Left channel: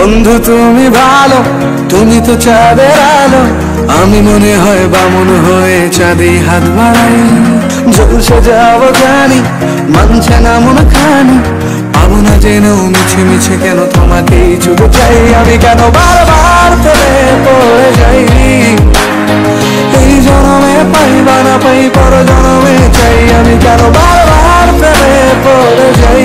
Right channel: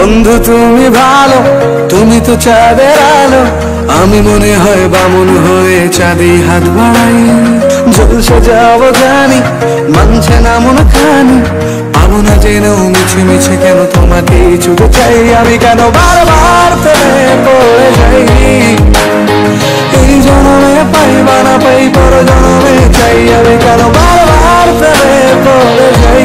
বন্ধু তুমি ভালো, তুমি তো চাঁদের আলো, আমি মনে হয় বামন হয়ে চাঁদে হাত বাড়াই। জলসে যাবো জানি, মানছে না মন খানি, পাবো না জেনেও মিছে মিছে কেন তোমাকেই ছুটে চাই। আমি কেন বারবার প্রেমে পড়ে যাই, এই জনমে পাই বা না পাই পর জনমে চাই। আমি কেন বারবার প্রেমে পড়ে যাই।